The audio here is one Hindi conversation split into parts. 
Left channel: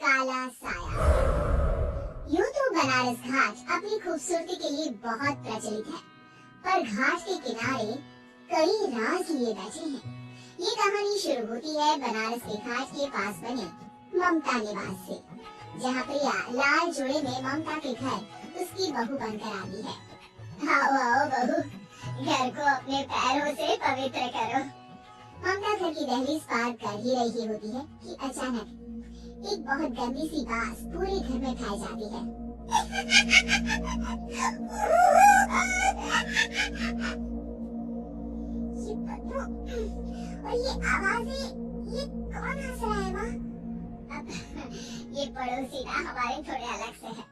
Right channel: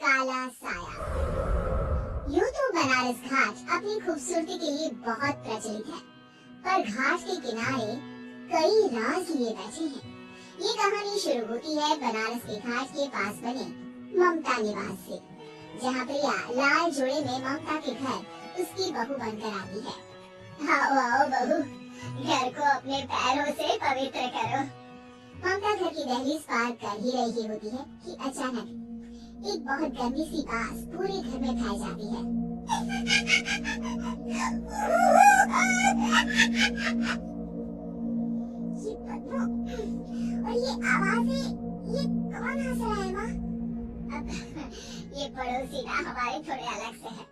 काला साया। यूं तो बनारस घाट अपनी खूबसूरती के लिए बहुत प्रचलित है, पर घाट के किनारे कई राज लिए बैठे हैं। ये कहानी शुरू होती है बनारस के घाट के पास बने ममता निवास से, जहाँ प्रिया लाल जोड़े में ममता के घर उसकी बहू बनकर आती है। आओ आओ बहू, घर को अपने पैरों से पवित्र करो। ममता घर की दहलीज पार कर ही रही होती है कि अचानक एक बहुत गंदी सी बात पूरे घर में फैल जाती है। ये बदबू और ये आवाजें, ये कौन हंस रहा है माँ? ये पड़ोसी ना हमारे थोड़े अलग से है।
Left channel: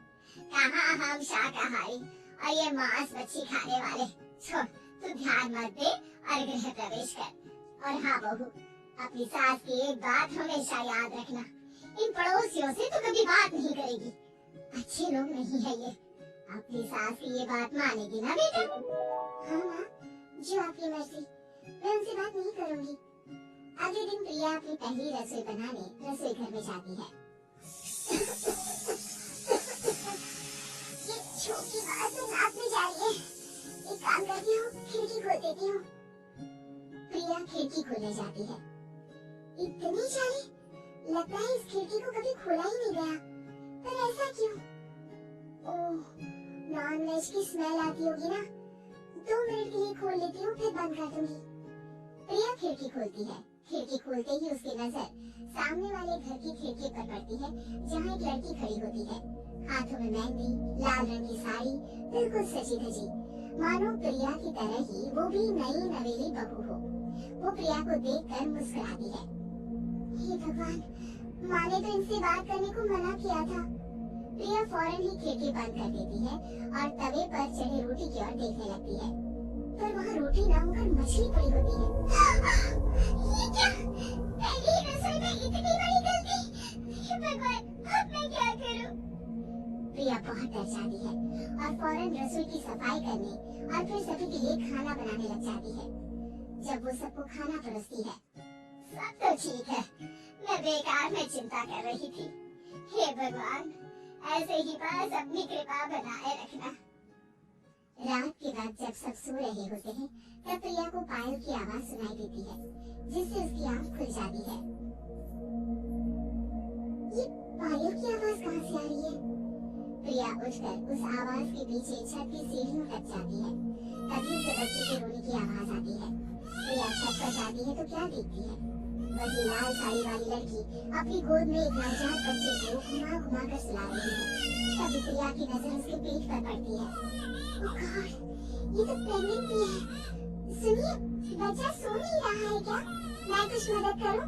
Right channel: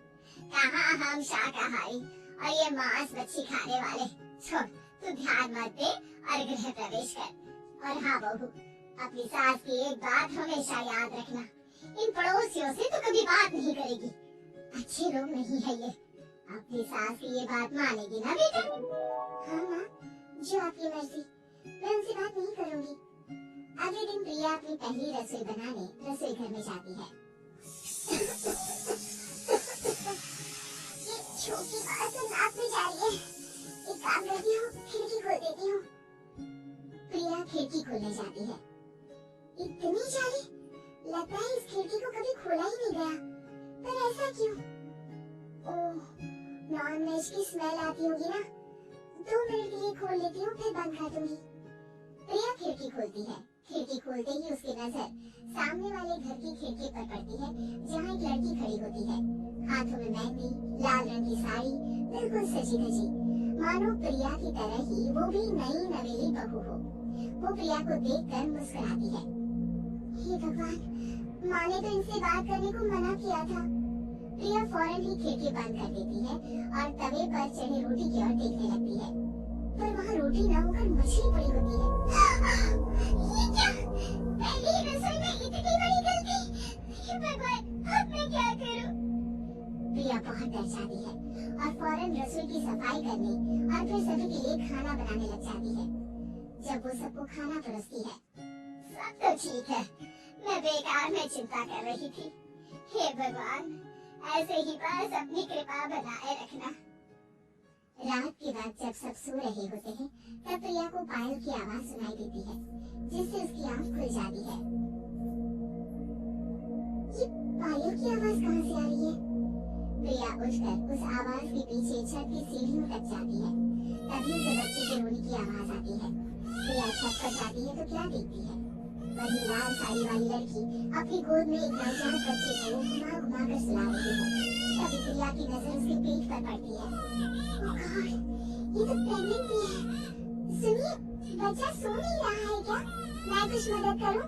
कहाँ हम शाकाहारी और ये मांस मच्छी खाने वाले। छोड़, तू ध्यान मत दे और गृह प्रवेश कर। और हाँ बहू, अपनी सास की एक बात हमेशा याद रखना, इन पड़ोसियों से तो कभी बात नहीं करेगी। अच्छे लोग नहीं है ये। अपनी सास की ये बात मानेगी ना बेटा? हाँ माँ, जो आपकी मर्जी, मैं उनसे बात नहीं करूँगी। अगले दिन प्रिया अपनी पहली रसोई बनाने रसोई घर में जाती है। ये छोटी बात में नाक में जा रही है। एक काम करती हूँ, खिड़की खोल देती हूँ। प्रिया खिड़की खोलने जाती है। इतनी जाली, लगता है इस खिड़की को कभी खोला ही नहीं गया। पर ऐसा क्यों? ओह, नॉन वेज की स्मेल आती होगी ना। 2 मिनट के लिए खोल लेती हूँ, फिर बंद कर दूंगी। प्रिया खिड़की खोलती है। खिड़की खोलते ही उसकी नजर सामने वाले घर की खिड़की पर पड़ती है, जहाँ एक लड़की खड़ी होती है। हाथों में मेहंदी, लाल रंग की साड़ी, बिल्कुल सजी धजी, मानो प्रिया की तरह ही वो भी नई नवेली बहू हो। वो प्रिया को देखकर मुस्कुराती है। हे भगवान, माँ ने तो इनसे बात करने को मना किया था। प्रिया फौरन ही खिड़की बंद कर देती है और तवे पर चढ़े रोटी की ओर देखने लगती है, पर वहाँ रोटी न होकर मछली पड़ी होती है। ये क्या? पहली रसोई में इतनी बड़ी गलती! हे भगवान, अब मैं क्या करूँ? प्रिया बहुत डर जाती है और फौरन रसोई की सफाई करने और फिर सभी के लिए खाना बनाने लग जाती है। जब वो सबको खाना परोसती है, सब तो ठीक है, मैं बेकार में चिंता कर रही थी। हे भगवान, ऐसे ही बस अपनी कृपा बनाए रखना। रात के बाद जब सब सो रहे होते हैं, तब प्रिया को पायल की आवाज सुनाई देती है, जिससे उसकी आंख खुल जाती है। ये पायल की आवाज कहाँ से आ रही है? प्रिया उठकर उस आवाज के पीछे छत की सीढ़ियों तक जाती है। तभी से बच्चे के रोने की आवाज आती है। प्रिया छत पर जाती है तो क्या देखती है? वही लाल साड़ी वाली लड़की अपनी गोद में एक नवजात बच्चे को घुमा घुमा कर सुला रही है। तभी प्रिया की नजर उसके पेट पर पड़ती है। ओह गॉड, ये तो प्रेग्नेंट भी है। सुनिए, बच्चा सो नहीं रहा है क्या? मैं कुछ मदद करूं?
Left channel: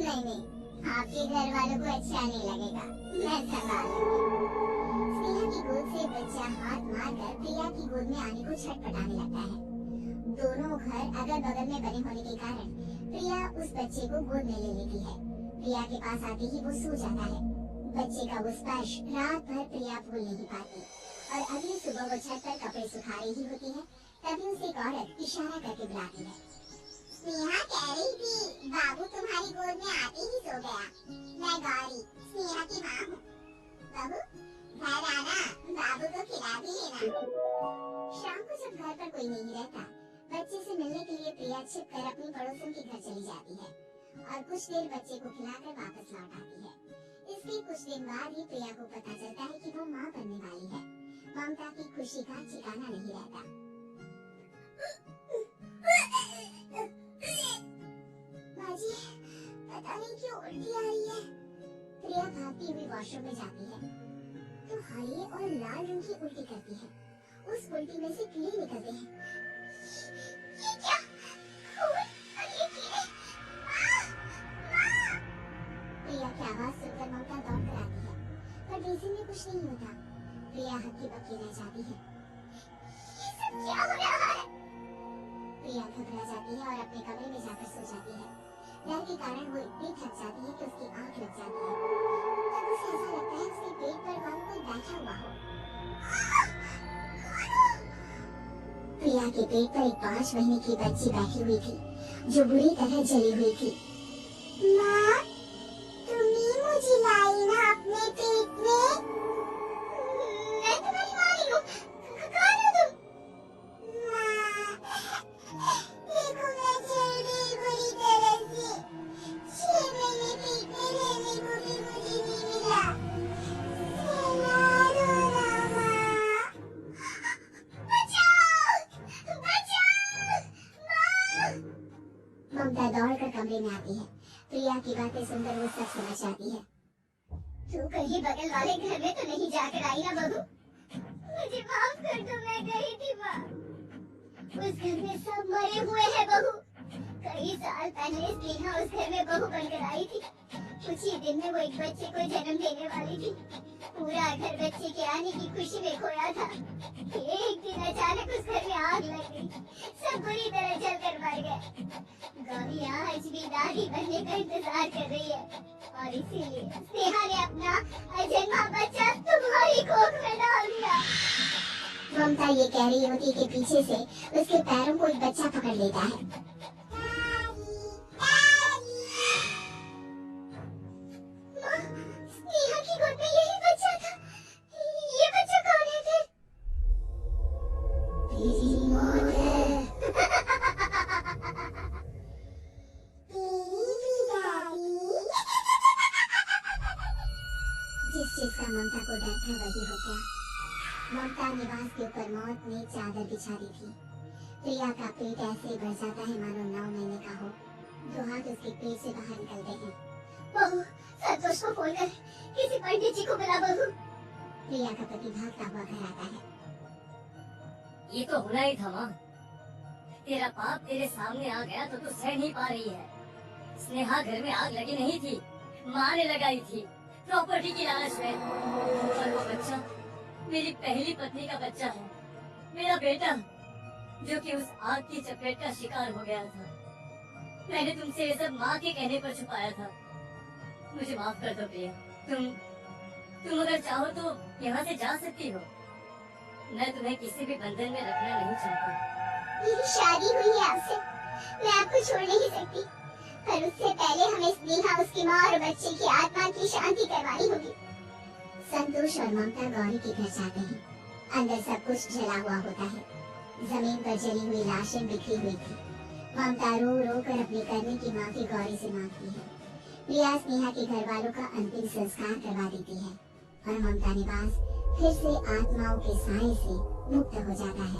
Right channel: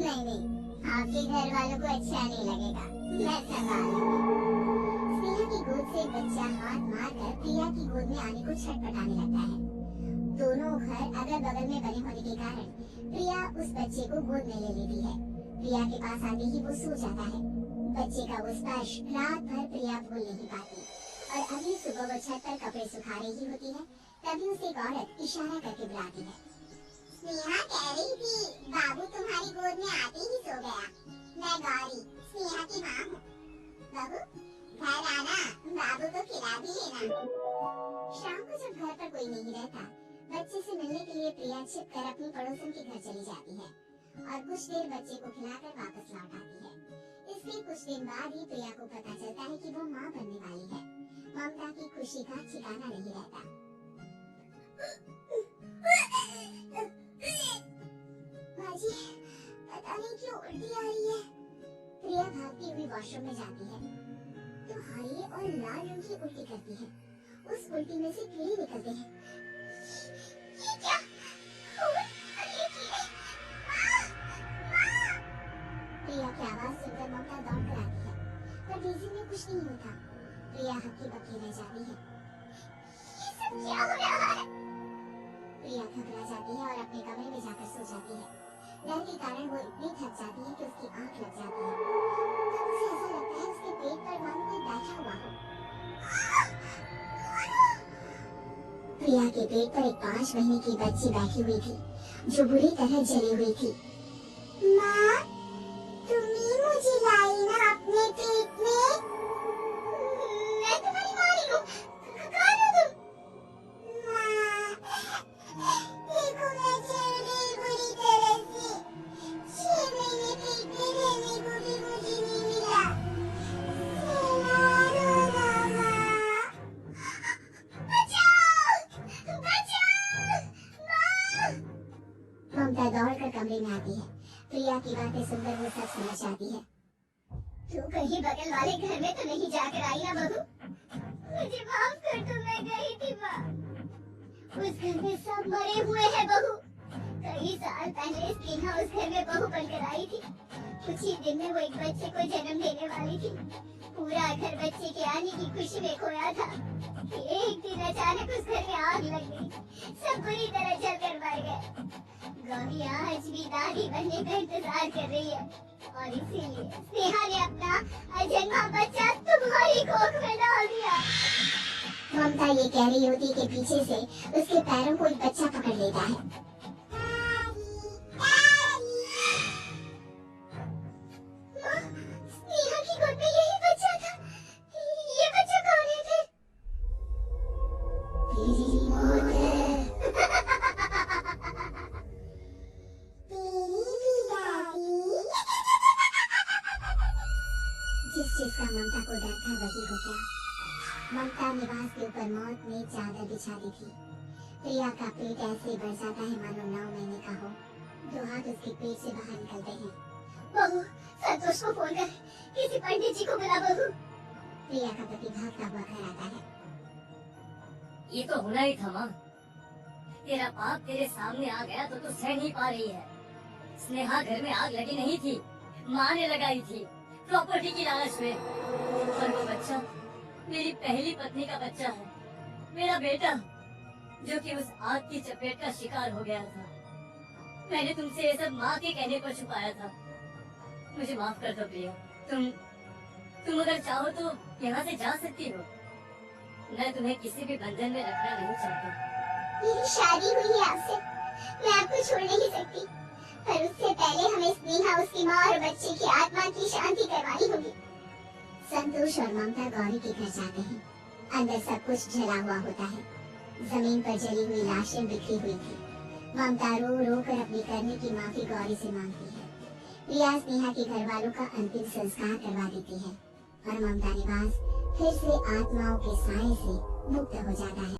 नहीं, आपके घर वालों को अच्छा नहीं लगेगा, मैं संभाल लूंगी। स्नेहा की गोद से बच्चा हाथ मारकर प्रिया की गोद में आने को छटपटाने लगता है। दोनों घर अगल बगल में बने होने के कारण प्रिया उस बच्चे को गोद में ले लेती है। प्रिया के पास आते ही वो सो जाता है। बच्चे का वो स्पर्श रात भर प्रिया भूल नहीं पाती और अगली सुबह वो छत पर कपड़े सुखा रही होती है, तभी उसे एक औरत इशारा करके बुलाती है। स्नेहा कह रही थी, बाबू तुम्हारी गोद में आते ही सो गया। मैं गौरी, स्नेहा की माँ हूँ। बाबू, घर आना, बाबू को खिला भी लेना। शाम को जब घर पर कोई नहीं रहता, बच्चे से मिलने के लिए प्रिया छिपकर अपनी पड़ोसन के घर चली जाती है और कुछ देर बच्चे को खिलाकर वापस लौट आती है। इसके कुछ दिन बाद ही प्रिया को पता चलता है कि वो माँ बनने वाली है। ममता की खुशी का ठिकाना नहीं रहता। माँ जी, पता नहीं क्यों उल्टी आ रही है। प्रिया भागती हुई वॉशरूम में जाती है तो हरे और लाल रंग की उल्टी करती है। उस उल्टी में से कीड़े निकलते हैं। ये क्या? खून और ये कीड़े! माँ! प्रिया की आवाज सुनकर ममता दौड़ कर आती है, पर बेसिन में कुछ नहीं होता। प्रिया हक्की बक्की रह जाती है। ये सब क्या हो रहा है? प्रिया घबरा जाती है और अपने कमरे में जाकर सो जाती है। डर के कारण वो इतनी थक जाती है कि उसकी आंख लग जाती है। तब उसे ऐसा लगता है उसके पेट पर मानो कोई बैठा हुआ हो। प्रिया के पेट पर एक 5 महीने की बच्ची बैठी हुई थी, जो बुरी तरह जली हुई थी। माँ, तुम ही मुझे लाई ना? जाती है। प्रिया की बातें सुनकर वो सब समझ जाती है। तू कहीं बगल वाले घर में तो नहीं जाकर आई ना बहू? मुझे माफ कर दो, मैं गई थी माँ। उस घर में सब मरे हुए हैं बहू। कई साल पहले स्नेहा उस घर में बहू बनकर आई थी। कुछ ही दिन में वो एक बच्चे को जन्म देने वाली थी। पूरा घर बच्चे के आने की खुशी में खोया था। एक दिन अचानक उस घर में आग लग गई। सब बुरी तरह जलकर मर गए। गौरी आज भी दादी बनने का इंतजार कर रही है और इसीलिए स्नेहा ने अपना अजन्मा बच्चा तुम्हारी कोख में डाल दिया। ममता ये कह रही होती कि पीछे से उसके पैरों को एक बच्चा पकड़ लेता है। स्नेहा की गोद में यही बच्चा था। ये बच्चा कौन है फिर? तेरी मौत है। तेरी भी दादी। जिस चीज का ममता को डर था वही हो गया। ममता निवास के ऊपर मौत में चादर बिछा दी थी। प्रिया का पेट ऐसे बढ़ जाता है मानो 9 महीने का हो। 2 हाथ उसके पेट से बाहर निकलते हैं। बहू, संतोष को फोन कर किसी पंडित जी को बुला बहू। प्रिया का पति भागता हुआ घर आता है। ये तो होना ही था माँ। तेरा बाप तेरे सामने आ गया तो तू सह नहीं पा रही है। स्नेहा घर में आग लगी नहीं थी, माँ ने लगाई थी प्रॉपर्टी की लालच में। और वो बच्चा मेरी पहली पत्नी का बच्चा है, मेरा बेटा, जो कि उस आग की चपेट का शिकार हो गया था। मैंने तुमसे ये सब माँ के कहने पर छुपाया था। मुझे माफ कर दो प्रिया। तुम अगर चाहो तो यहाँ से जा सकती हो। मैं तुम्हें किसी भी बंधन में रखना नहीं चाहता। मेरी शादी हुई है आपसे, मैं आपको छोड़ नहीं सकती। पर उससे पहले हमें स्नेहा, उसकी माँ और बच्चे की आत्मा की शांति करवानी होगी। संतोष और ममता गौरी के घर जाते हैं। अंदर सब कुछ जला हुआ होता है। जमीन पर जली हुई लाशें बिखरी हुई थी। ममता रो रो कर अपने करने की माफी गौरी से मांगती है। प्रिया स्नेहा के घर वालों का अंतिम संस्कार करवा देती है और ममता निवास फिर से आत्माओं के साए से मुक्त हो जाता है।